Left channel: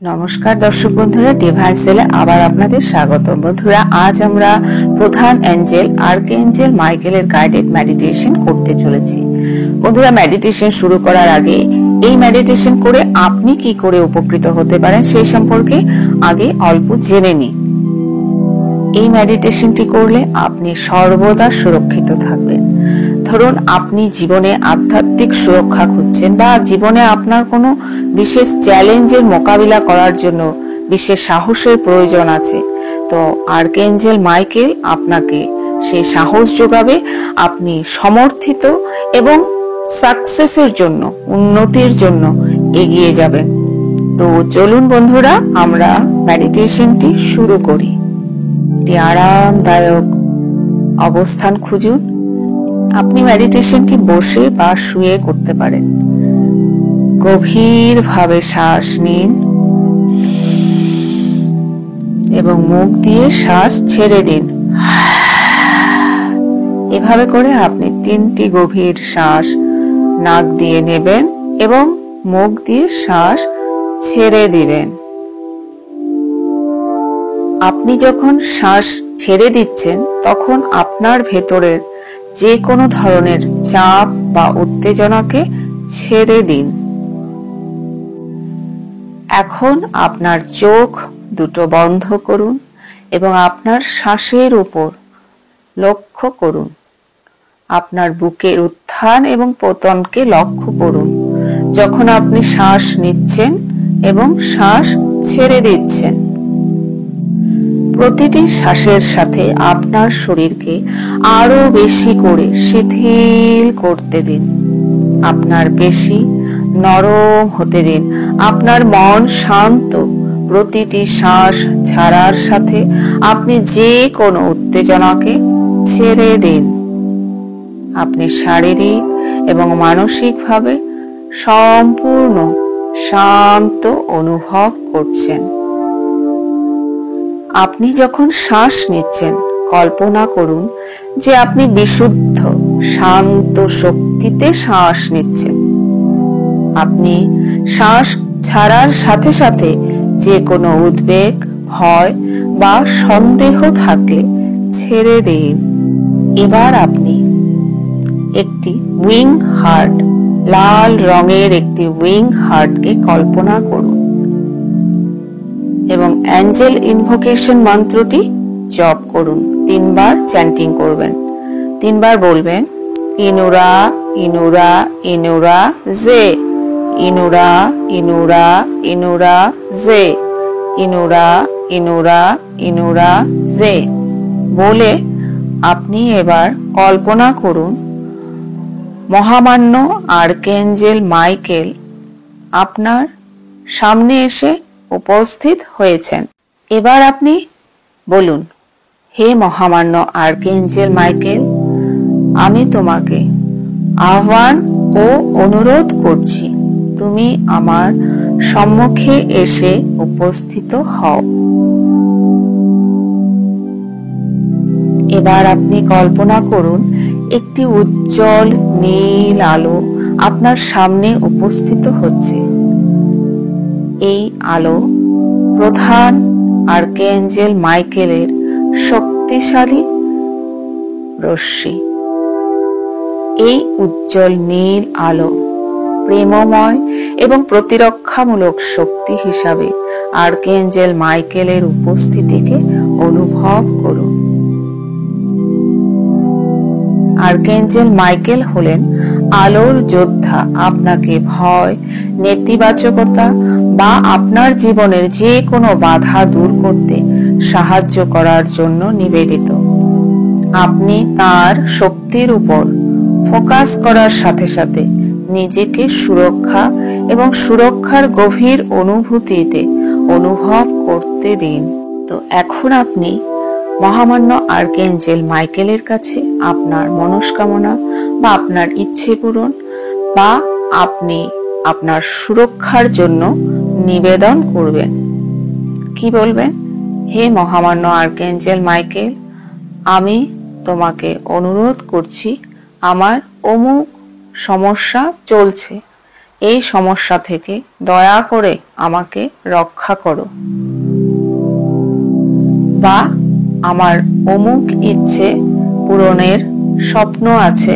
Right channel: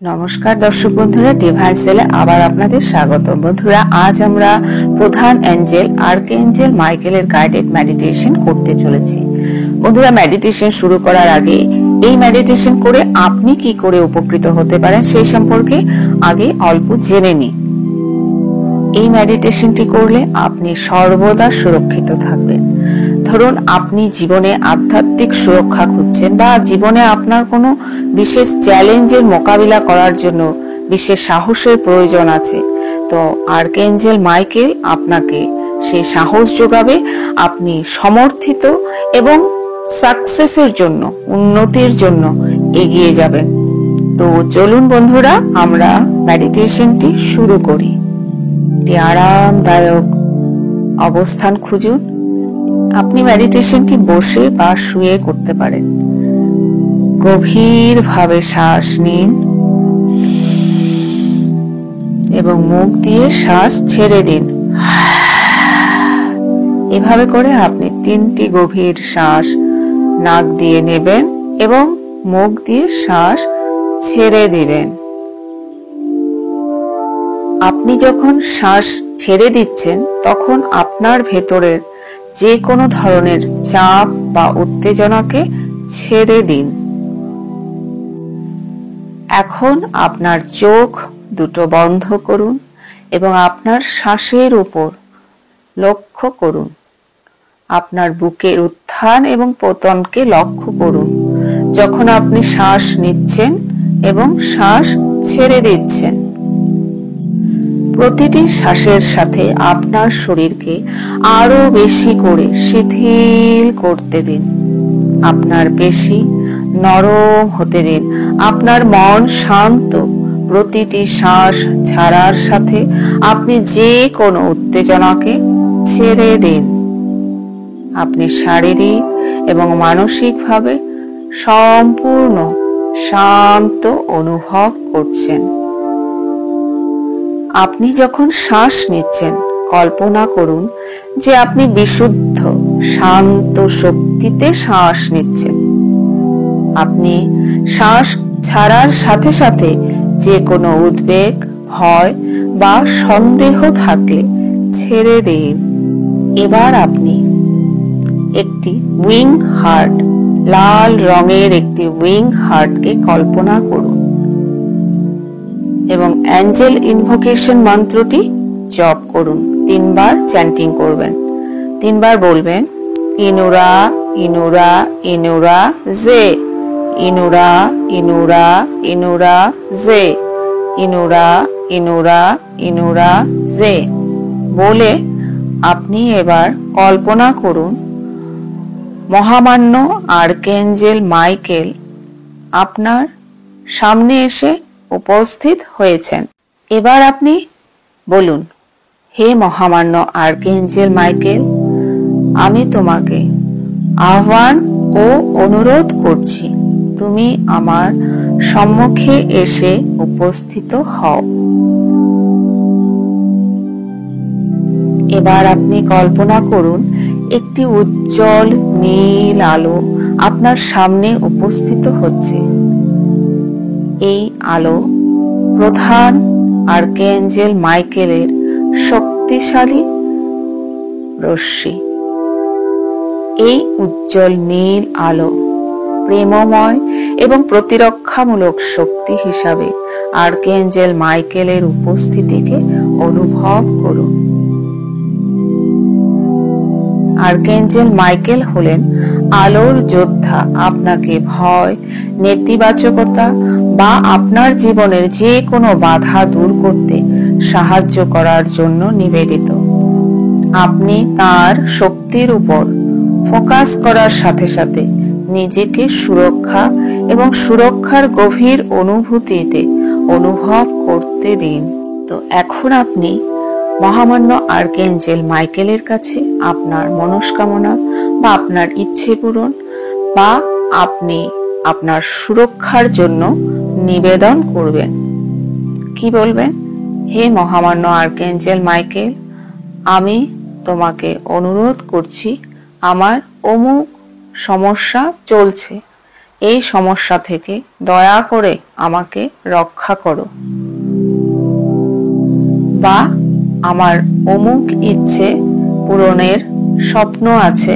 নমস্কার দর্শক বন্ধুরা, ডিভাইন সেলে আবার আপনাদের স্বাগত। বন্ধুরা, আজ আমরা প্রধান এঞ্জেল আর্কএঞ্জেল মাইকেলের গাইডেড মেডিটেশন করতে চলেছি। বন্ধুরা, মেডিটেশন শুরু করার আগে এই মেডিটেশন করে আপনি কি করে উপকৃত হতে পারেন সেই সম্পর্কে আগে অল্প জেনে নিন। এই মেডিটেশনটি করলে আপনি সর্বদা সুরক্ষিত থাকবেন। ধরুন আপনি জীবনে আধ্যাত্মিক সুরক্ষা খুঁজছেন বা জীবনে আপনার কোনো বিশেষ চ্যালেঞ্জের মোকাবিলা করার জন্য বিশেষ সাহসের প্রয়োজন আছে, তো আর্কএঞ্জেল মাইকেল আপনাকে সেই সাহস যোগাবে। আপনি সমর্থিত এবং সাকসেসের জন্য, উন্নতির জন্য এগিয়ে যাবেন। তো চলুন বন্ধুরা, আমরা মেডিটেশনটি শুরু করি। একটি আরামদায়ক অবস্থান খুঁজুন। আপনি মেডিটেশনটি বসে বা শুয়ে করতে পারেন। গভীরভাবে শ্বাস নিন এবং মুখ দিয়ে শ্বাস ছেড়ে দিন। এভাবে করে আপনি 3টি গভীর শ্বাস নাক দিয়ে নেবেন এবং মুখ দিয়ে শ্বাস ছেড়ে দিবেন। আপনি যখন শ্বাস ছেড়ে দিচ্ছেন তখন আপনার ভেতরের যে কোনো ধরনের চাপ বা উত্তেজনাকে ছেড়ে দিন। এখন আপনার চোখ দুটো বন্ধ করুন এবং আপনার শ্বাসের উপর লক্ষ্য করুন। আপনার বুকের উত্থান এবং পতনকে লক্ষ্য করুন যখন আপনি শ্বাস নিচ্ছেন এবং শ্বাস ছেড়ে দিচ্ছেন। প্রতিটি শ্বাসের সাথে আপনার শরীরকে আরো বেশি করে শিথিল করতে দিন। আপনার পেশি নরম হতে দিন। আপনার মন শান্ত। প্রতিটি শ্বাস ছাড়ার সাথে আপনি যে কোনো উত্তেজনাকে ছেড়ে দিন। আপনি শারীরিক এবং মানসিকভাবে সম্পূর্ণ শান্ত অনুভব করছেন। আপনি যখন শ্বাস নিচ্ছেন, কল্পনা করুন যে আপনি বিশুদ্ধ শান্ত শক্তিতে শ্বাস নিচ্ছেন। আপনি শ্বাস ছাড়ার সাথে সাথে যে কোনো উদ্বেগ, ভয় বা সন্দেহ থাকলে ছেড়ে দিন। এবার আপনি একটি উইং হার্ট, লাল রঙের একটি উইং হার্টকে কল্পনা করুন এবং অ্যাঞ্জেল ইনভোকেশন মন্ত্রটি জপ করুন। 3 বার চ্যান্টিং করবেন। 3 বার বলবেন, ইনুরা ইনুরা ইনুরা জে, ইনুরা ইনুরা ইনুরা জে, ইনুরা ইনুরা ইনুরা জে বলে আপনি এবার কল্পনা করুন মহামান্য আর্কএঞ্জেল মাইকেল আপনার সামনে এসে উপস্থিত হয়েছেন। এবার আপনি বলুন, হে মহামান্য আর্কএঞ্জেল মাইকেল, আমি তোমাকে আহ্বান ও অনুরোধ করছি, তুমি আমার সম্মুখে এসে উপস্থিত হও। এবার আপনি কল্পনা করুন একটি উজ্জ্বল নীল আলো আপনার সামনে উপস্থিত হচ্ছে। এই আলো প্রধান আর্কএঞ্জেল মাইকেলের শক্তিশালী রশ্মি। এই উজ্জ্বল নীল আলো প্রেমময় এবং প্রতিরক্ষামূলক শক্তি হিসাবে আর্কএঞ্জেল মাইকেলের উপস্থিতিকে অনুভব করুন। আর্কএঞ্জেল মাইকেল হলেন আলোর যোদ্ধা। আপনাকে ভয়, নেতিবাচকতা বা আপনার জীবনের যে কোনো বাধা দূর করতে সাহায্য করার জন্য নিবেদিত। আপনি তার শক্তির উপর ফোকাস করার সাথে সাথে নিজেকে সুরক্ষা এবং সুরক্ষার গভীর অনুভূতিতে অনুভব করতে দিন। তো এখন আপনি মহামান্য আর্কএঞ্জেল মাইকেলের কাছে আপনার মনস্কামনা বা আপনার ইচ্ছে পূরণ বা আপনি আপনার সুরক্ষার জন্য নিবেদন করবেন। কি বলবেন? হে মহামান্য আর্কএঞ্জেল মাইকেল, আমি তোমাকে অনুরোধ করছি, আমার অমুক সমস্যা চলছে এই সমস্যা থেকে দয়া করে আমাকে রক্ষা করো। বা আমার অমুক ইচ্ছে পূরণের স্বপ্ন আছে,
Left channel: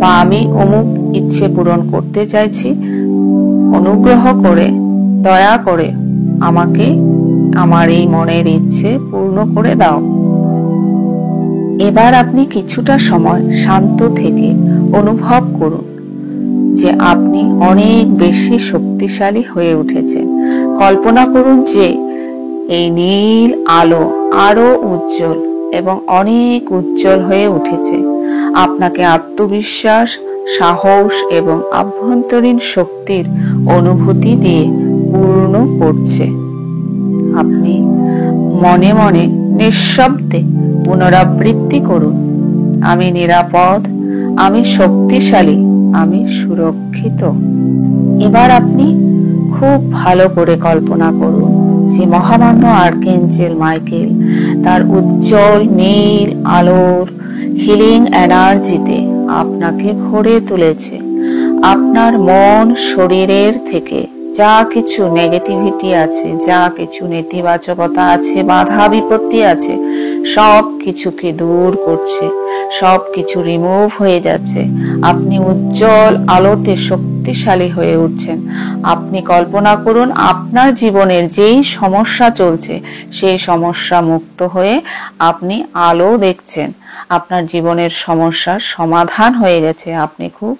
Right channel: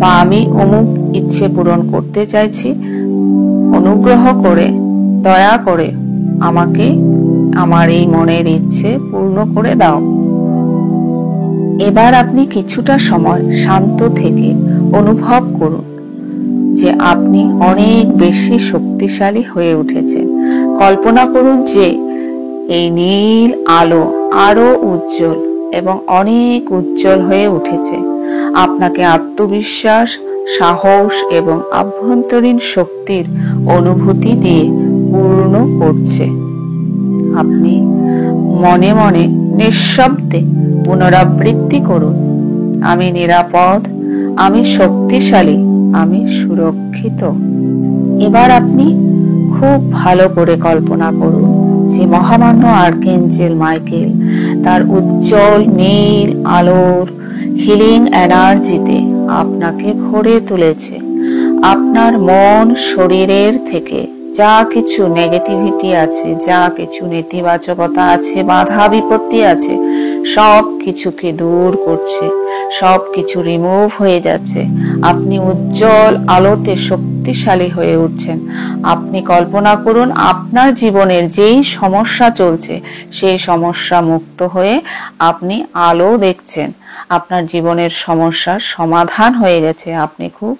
বা আমি অমুক ইচ্ছে পূরণ করতে চাইছি, অনুগ্রহ করে দয়া করে আমাকে আমার এই মনের ইচ্ছে পূর্ণ করে দাও। এবার আপনি কিছুটা সময় শান্ত থেকে অনুভব করুন যে আপনি অনেক বেশি শক্তিশালী হয়ে উঠেছেন। কল্পনা করুন যে এই নীল আলো আরো উজ্জ্বল এবং অনেক উজ্জ্বল হয়ে উঠেছে, আপনাকে আত্মবিশ্বাস, সাহস এবং আভ্যন্তরীণ শক্তির অনুভূতি দিয়ে পূর্ণ করছে। আপনি মনে মনে নিঃশব্দে পুনরাবৃত্তি করুন, আমি নিরাপদ, আমি শক্তিশালী, আমি সুরক্ষিত। এবার আপনি খুব ভালো করে কল্পনা করুন যে মহামান্য আর্কএঞ্জেল মাইকেল তার উজ্জ্বল নীল আলোর হিলিং এনার্জিতে আপনাকে ভরে তুলেছে। আপনার মন, শরীরের থেকে যা কিছু নেগেটিভিটি আছে, যা কিছু নেতিবাচকতা আছে, বাধা বিপত্তি আছে, সব কিছুকে দূর করছে, সব কিছু রিমুভ হয়ে যাচ্ছে। আপনি উজ্জ্বল আলোতে শক্তিশালী হয়ে উঠছেন। আপনি কল্পনা করুন আপনার জীবনের যেই সমস্যা চলছে সেই সমস্যা মুক্ত হয়ে আপনি আলো দেখছেন। আপনার জীবনের সমস্যার সমাধান হয়ে গেছে, আপনি খুব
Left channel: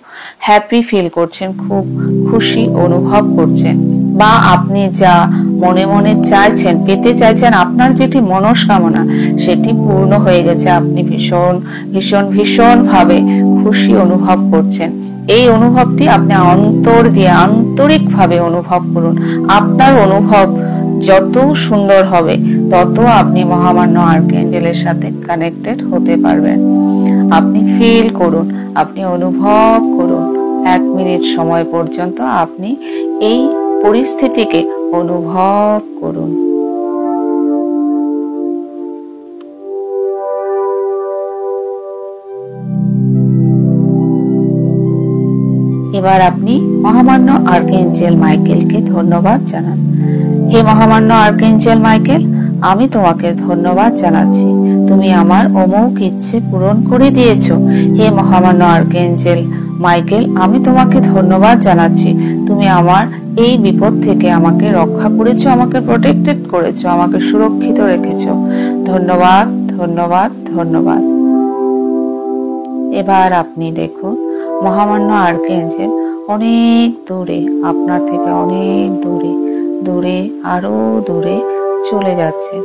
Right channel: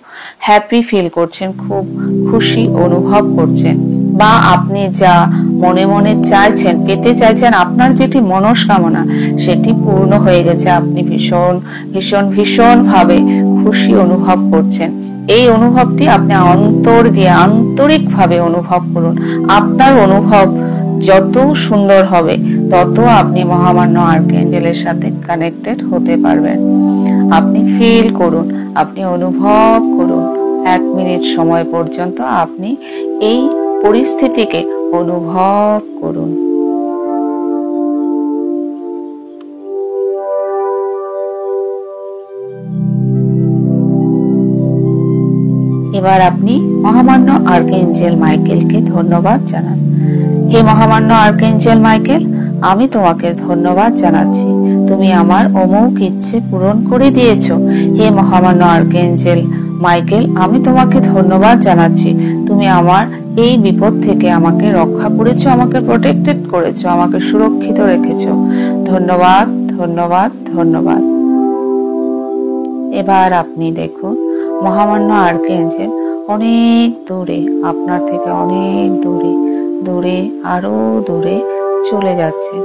হ্যাপি ফিল করছেন, খুব খুশি অনুভব করছেন। বা আপনি যা মনে মনে চাইছেন, পেতে চাইছেন, আপনার যেটি মনস্কামনা সেটি পূর্ণ হয়ে গেছে। আপনি ভীষণ ভীষণ ভীষণ ভাবে খুশি অনুভব করছেন। এই অনুভবটি আপনি অন্তর দিয়ে আন্তরিকভাবে অনুভব করুন। আপনার অনুভব যত সুন্দর হবে তত আপনি মহামান্য আর্কএঞ্জেলের সাথে কানেক্টেড হতে পারবেন। আপনি ফিল করুন, আপনি অনুভব করুন। 1 মিনিট সময় পর্যন্ত আপনি এই পরিস্থিতিকে অনুভব করুন। এবার আপনি মহামান্য আর্কএঞ্জেল মাইকেলকে ধন্যবাদ জানান। হে মহামান্য আর্কএঞ্জেল মাইকেল, আমি তোমাকে ধন্যবাদ জানাচ্ছি, তুমি আমার অমুক ইচ্ছে পূরণ করে দিয়েছো। হে মহামান্য আর্কএঞ্জেল মাইকেল, আমি তোমাকে ধন্যবাদ জানাচ্ছি, তুমি আমার এই বিপদ থেকে আমাকে রক্ষা করেছো, আমাকে প্রোটেক্টেড করেছো, আমাকে সুরক্ষিত রেখেছো। ধন্যবাদ, ধন্যবাদ, ধন্যবাদ। এবার আপনি দেখুন মহামান্য আর্কএঞ্জেল অনেক দূরে, আপনার থেকে অনেক দূরে, দূরে, আরো দূরে চলে যাচ্ছে।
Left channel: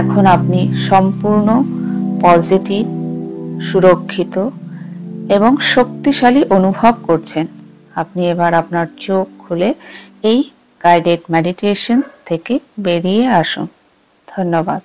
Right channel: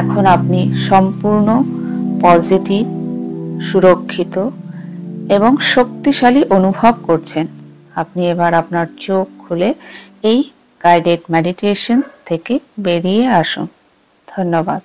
এখন আপনি সম্পূর্ণ পজিটিভ, সুরক্ষিত এবং শক্তিশালী অনুভব করছেন। আপনি এবার আপনার চোখ খুলে এই গাইডেড মেডিটেশন থেকে বেরিয়ে আসুন। ধন্যবাদ।